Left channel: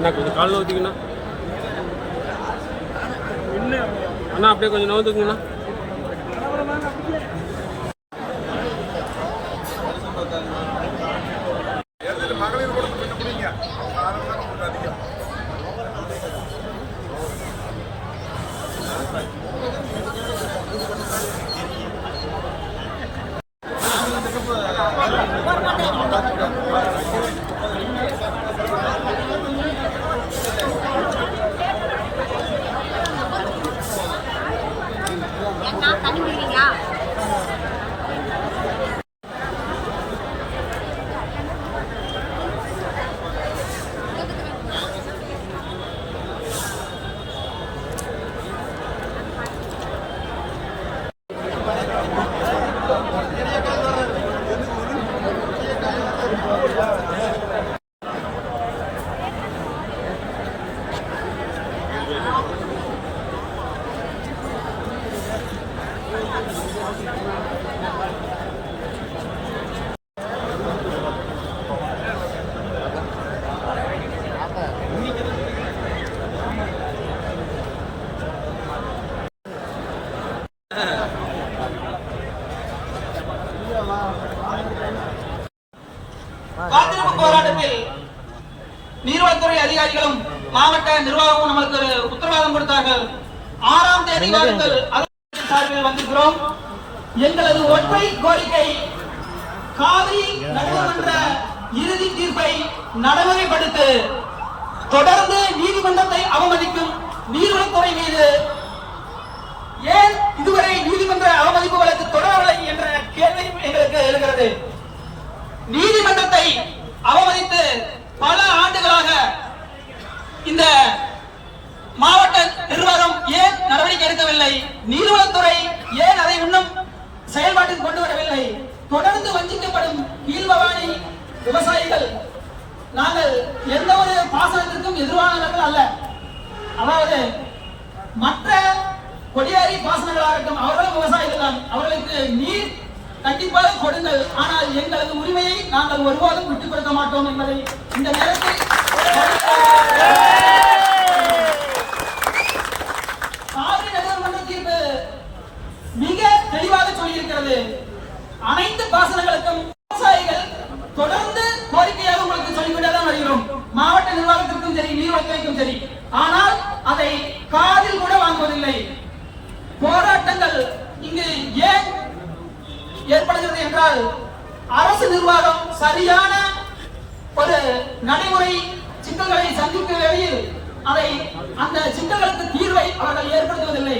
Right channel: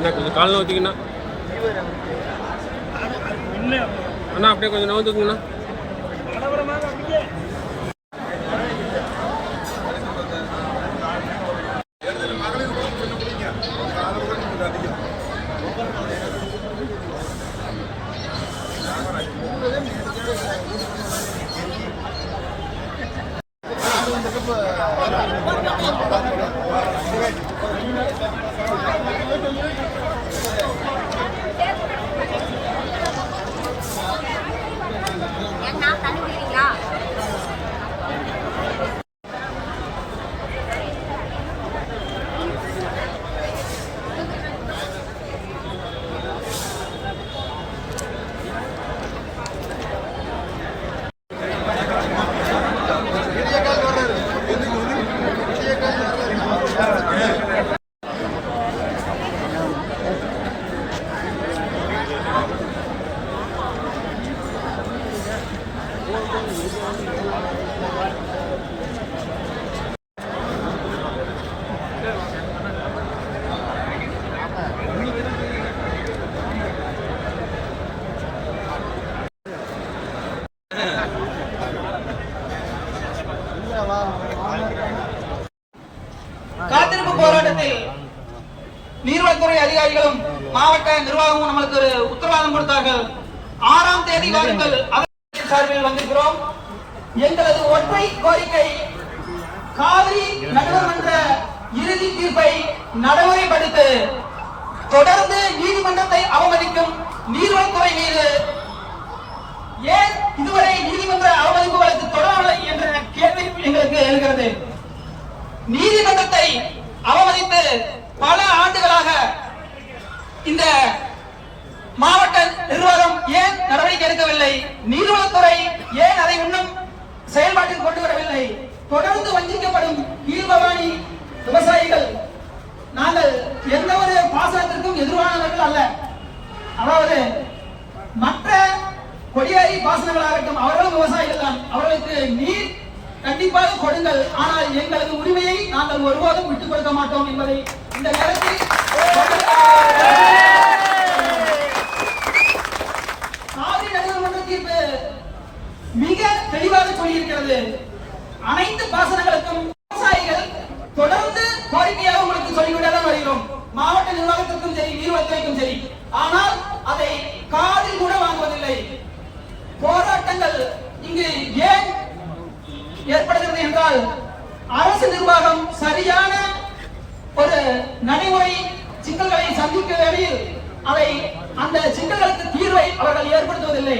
அண்ணா கொஞ்சம் கால் நவுத்திங்கண்ணா. அண்ணா அப்படியே கொஞ்சம் நவுத்துக்குங்கண்ணா. காத்திருப்பு போராட்டத்தில் நீர்வளத்துறை அதிகாரிகளும் மாவட்ட நிர்வாகமும் நமக்கு ஒரு உத்தரவாதம் கொடுத்தார்கள். 6ஆம் தேதி வாருங்கள் சார்பில் வந்திருக்கிறோம். எங்களது ஒற்றை கோரிக்கை காவிரி நடுவர்மன்ற இறுதி தீர்ப்பை நடைமுறைப்படுத்த தொடர்ந்து நீதிமன்றத்தை அவமதிக்கும் நீர்வளத்துறை மீது ஏன் இதுவரை நீதிமன்ற அவமதிப்பு வழக்கு தொடரவில்லை என்ற கேள்வி எங்களுக்கு இருக்கிறது. நீதிமன்றத்தை அவமதித்து பல ஆண்டுகளாக இந்த மாவட்ட நிர்வாகம் ஏன் நடவடிக்கை எடுக்கவில்லை? நீர்வளத்துறை ஏன் அதை இன்னும் செயல்பாட்டில் கொண்டு வரவில்லை? தொடர்ந்து வஞ்சிக்கப்படும் கீழ்பவானி விவசாயிகள் நாங்கள் எந்த ஒரு பாசனத்திற்கும் எதிரானவர்கள் அல்ல. அதாவது மற்ற கொடியாரி பாசனங்களாகட்டும் அவர்களும் விவசாயிகள் தான். அவர்களுக்கு நீர் கண்டிப்பாக கொடுங்கள், ஆனால் எங்களது உரிமையை நாங்கள் ஒருபோதும் விட்டுக் கொடுக்க மாட்டோம் என்பதை இந்த நேரத்தில் காவிரி நடுவர்மன்ற தீர்ப்பு மிக தெளிவாக சொல்லியிருக்கிறது. அனைத்து பாசனங்களுக்கும் விவசாயிகள் தொடர்ந்து கோரிக்கையாக உங்களுக்கு சொல்லிவிடதான் வருகிறோம். மாவட்ட நிர்வாகத்திற்கும் சரி நீர்வளத்துறைக்கும் சரி. ஆனால் அதை காதில் கூட வாங்குவதில்லை. போராட்டங்கள் இங்கு ஏன் ஏற்படுகிறது என்றால் அரசு நிர்வாகம் சரியான ஒரு நடைமுறை சிக்கல்களை சந்திக்கும் வேளையில் அந்த சிக்கல்களுக்கு தீர்வை அவர்கள் ஏற்படுத்துவதில்லை.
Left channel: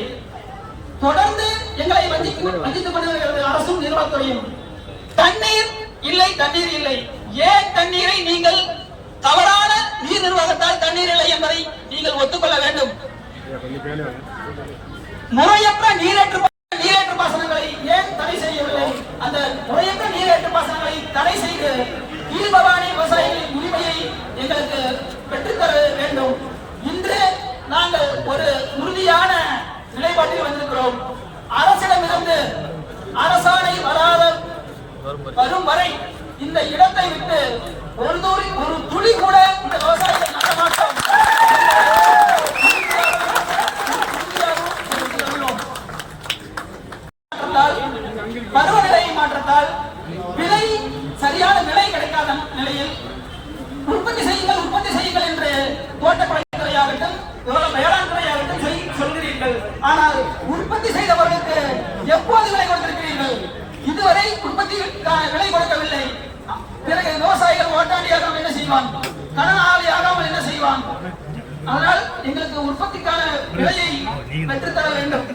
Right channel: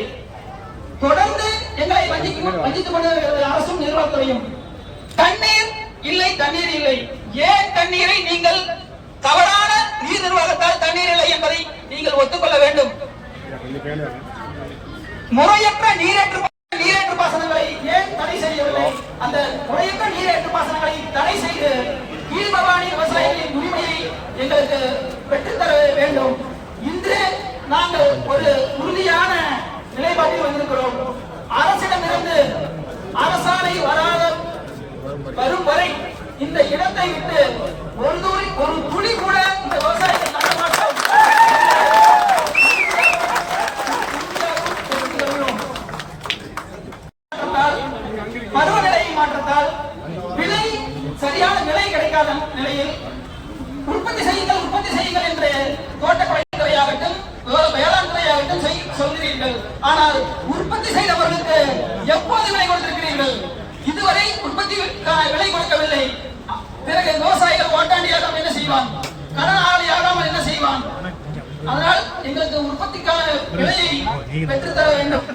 தொடர்ந்து எங்களை வஞ்சித்துக் கொண்டிருக்கிறது அரசும் நிர்வாகத்துறையும். தண்ணீர் இல்லை, தண்ணீர் இல்லை. ஏன் தண்ணீரை நீங்கள் தவறான நீர் நிர்வாகத்தால் தண்ணீர் இல்லை என்பதை நீங்கள் ஒத்துக்கொள்ள வேண்டும். முறையற்ற நீரேற்று பாசனங்களை ஏன் தடை செய்யவில்லை? அந்த முறையற்ற நீரேற்று பாசனங்களை தடை செய்து கீழ்பவானி விவசாயிகளின் உரிமையை எங்களுக்கு பெற்றுத்தர வேண்டும். இன்று நாங்கள் ஒரு உறுதியான நிலைப்பாட்டில் வந்திருக்கிறோம். அரசிடமிருந்து அரசாணை வரும் வரை இந்த இடத்தை விட்டு ஒரு துளி கூட இந்த விவசாயிகள் நட மாட்டோம். பருவநிலை மாற்றத்தால் விலை சரியான விலை கிடைக்காத நிலையில் உற்பத்தி செய்யுங்கள் என்று தோட்டக்கலைத்துறையாகட்டும் வேளாண் துறையாகட்டும் சொல்கிறீர்கள். ஆனால் உற்பத்தி செய்தவர்களுக்கு எப்போது விலை கொடுத்திருக்கிறீர்கள்? இதுவரை உற்பத்திக்கான விலை கொடுக்கவில்லை. பிறகு விவசாயிகள் ஓட்டாண்டியாக என்ன செய்வான்? கடனாளி ஆகாமல் என்ன செய்வான்? அதனால் எங்களுக்கு உற்பத்திக்கான விலையை பெற்றுத்தர வேண்டும்.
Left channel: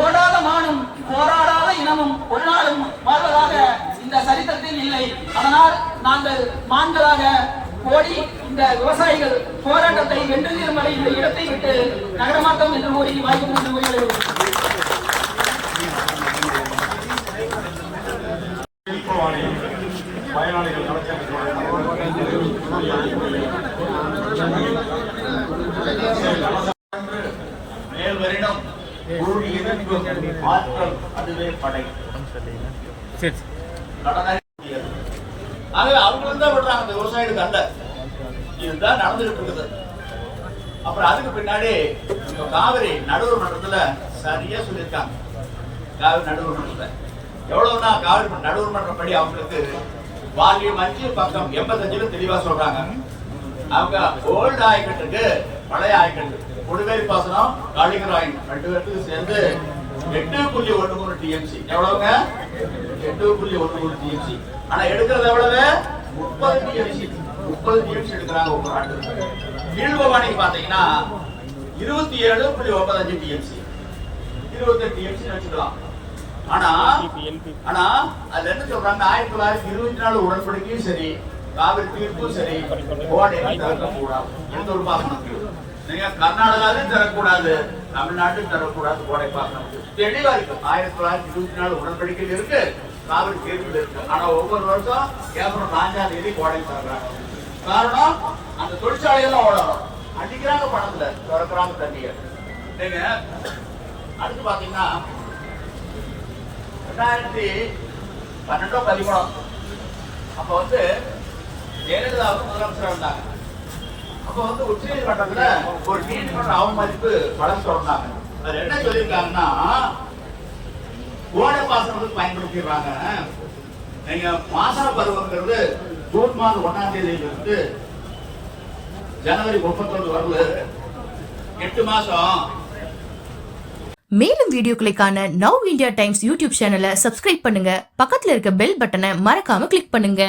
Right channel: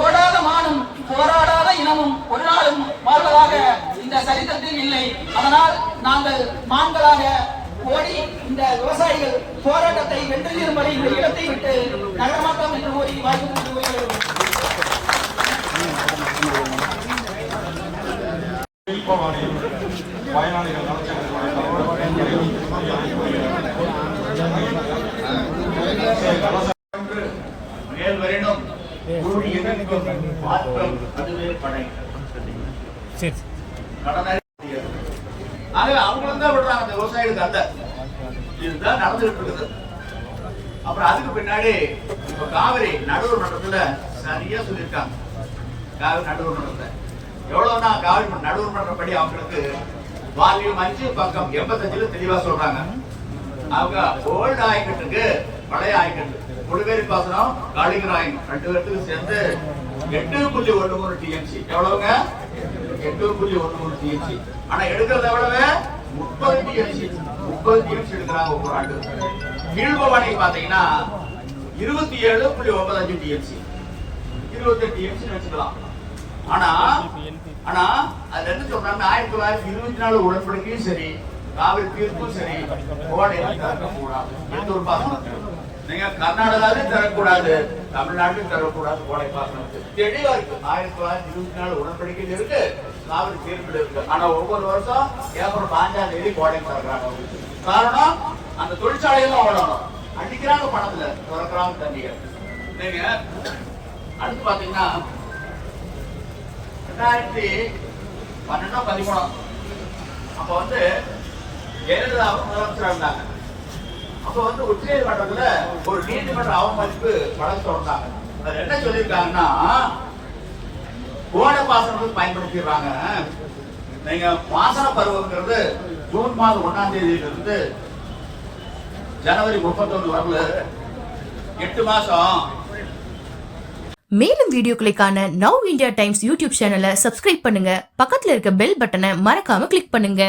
ஓடாத மானும் போராடாத இனமும் ஒரு நாளும் வாழ்வதாக இந்த சரித்திரத்தில் இல்லை. அதனால் நாங்கள் மான்களாக ஓடி இந்த விவசாயிகள் போராட்டத்தை வென்று தீரும்படி இந்த இடத்தை விட்டு நகரமாட்டோம் என்று கூறி வாய்ப்பு பயனாளிகள் மேல்வரினும் குருடி எதிர்க்கும் மாற்றம் அதுவே படை கடனை ஆகவே அவங்களும் தான் விடுறாங்க அந்த விவசாயிகளுக்கு அல்ல. இதுதான் நடந்துகிட்டு இருக்குது. அப்புறம் அதுக்கு பின்னாடி காவிரி நடுவர் மன்றத்துல சரியா சொல்லியிருக்காங்க. காவிரி நடுவர் மன்றத்துல எவ்வளவுனா காவிரி நடுவர் மன்றம் படி அவங்களுக்கு வால்யூம் 5 பக்கம் 85 தெளிவா சொல்றாங்க. அவங்க ஓல்டு ஆயக்கட்டுக்கு பழைய ஆயக்கட்டு கொடுவேரி பாசனம் காளிங்கர் ஆயம் 2 பேருக்கு சேர்ந்து 8.13 டிஎம்சி. எவ்வளவுங்க? 8.13 டிஎம்சி. ஆனா எடுக்கிறது எவ்வளவு? 30 டிஎம்சி. 30 டிஎம்சி எடுக்கிறாங்க ஒவ்வொரு ஆண்டு. கீழ்பவானி பாத்தீங்கன்னா 27.95 டிஎம்சி. 28 டிஎம்சி வச்சுக்கலாம். ஆனா அது என்ன சொல்றாங்க? 1924 உடன்படிக்கையும் சரி, காவிரி தீர்ப்பும் சரி, கோடையில் தரக்கூடாது. எந்த ஒரு பாசனத்துக்கு நீங்க கர்நாடகாவிலும் தரக்கூடாது, தமிழ்நாட்டிலும் தரக்கூடாது. கோடை பாசனம் தெளிவா இருக்கு. 1924 உடன்படிக்கையில் இருக்கு, காவிரி தீர்ப்பில் இருக்கு. ஆனா ஒவ்வொரு வருஷம் ஏப்ரல் 5ஆம் தேதி கோடையில் தரக்குறாங்க. காரணம் அந்த தொழிற்சாலையெல்லாம் ஓடணும். அடிக்கிறாங்க பணத்துல திறக்கிறாங்க தண்ணிய. நீங்க அடுத்து பாத்தீங்கன்னா 2012-13 அப்ப வந்து ஜெயலலிதா முதலமைச்சர் இருந்தாங்க. அப்ப வந்து உச்சநீதிமன்றத்துல ஒரு நீதிமன்ற அவமதிப்பு வழக்கு தொடர்ந்தாங்க. அது என்ன சொல்லியிருக்காங்கன்னா, கோடை பாசனத்துக்கு பயன்படுத்திடுறாங்க. நீங்க பாசன பருவங்கிறது ஜூன் மாதம் 1ஆம் தேதியிலிருந்து ஜனவரி 31 வரல 8 மாசம். மேலும் வீடியோக்களை காண நவ் இந்தியா டைம்ஸ் யூடியூப் சேனலை சப்ஸ்கிரைப் பண்ணுங்க. பக்கத்துல இருக்க பெல் பட்டனை மறக்காம கிளிக் பண்ணுங்க.